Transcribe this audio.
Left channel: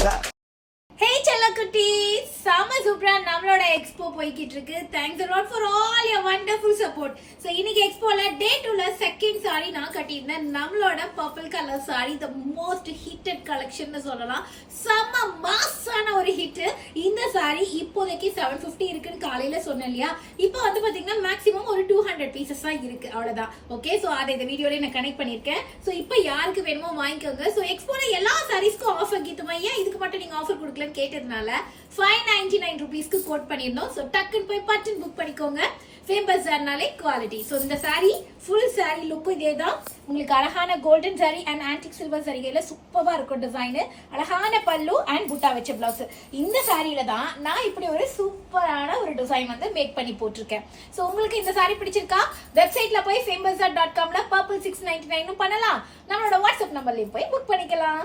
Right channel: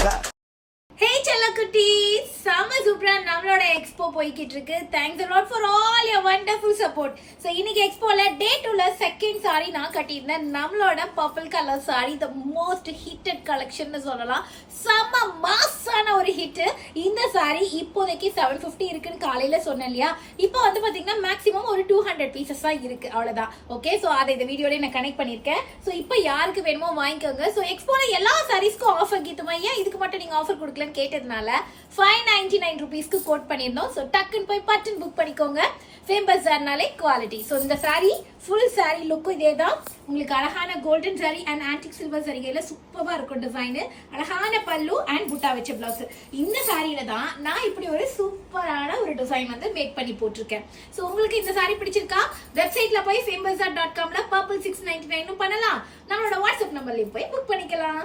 Hey Chalakutti, Sama Supra நம்மளோட expo போய்கிட்டு இருக்கு. Thanks a lot for all your wonderful support. So இன்னைக்கு எக்ஸ்போல டே 2ல second sorry நான் கட்டியிருந்தேன். நம்மளோட purple colour sorry the most heated collection னு சொல்லலாம். செம்ம மாஸான ஒரு ஹிட். இந்த சாரி இப்போதைக்கு 750 இருக்குன்னு காலையில சொன்னேன் இல்லையா? இப்போ வந்து பாத்தீங்கன்னா மேக்ஸிமம் ஒரு 200 பீசஸ் தான் இருக்கு. அவ்வளவுதான். ஓகே, சோ அதை இந்த வீடியோல நான் கனெக்ட் பண்ணிருக்கேன். சோ இப்போ யாருக்கு வேணுமோ வாங்கிக்கோங்க. சோ எக்ஸ்போல எல்லா சாரீஸ்க்கும் ஆஃபர் கீத்துமா ஏன் இதுக்கு மட்டும் நீங்க ஆஃபர் கொடுக்கலன்னு கேட்டதுனால 599 rupeesக்கு கோட் பண்ணிருந்தோம். சோ டக்குன்னு போய் பட்டன் புக் பண்ணிக்கோங்க. ஃபேம் பஜார்னாலே குவாலிட்டி. சோ இந்த சாரி ஃபுல் சாரி லுக்கும் இதேதான். உங்களுக்கு அழகான golden sari and antique silver சாரிகையில சூப்பரா இருக்கும் டிசைன். அழகான பல்லு அண்ட் புட்டா வச்ச பிளவுஸ். இந்த சாரியில தான் நான் இப்படி ஒரு சூப்பரான ஒரு டிசைன் வந்து மேக் பண்ணி போட்டிருக்கேன். சோ உங்களுக்கு இந்த சாரி பிடிச்சிருக்கா? வெப்சைட்ல போய் famebazar.comல purple 699 பண்ணலாம். நம்மளோட வாட்ஸ்அப் நம்பர்லயும் போய் புக் பண்ணிக்கலாம்.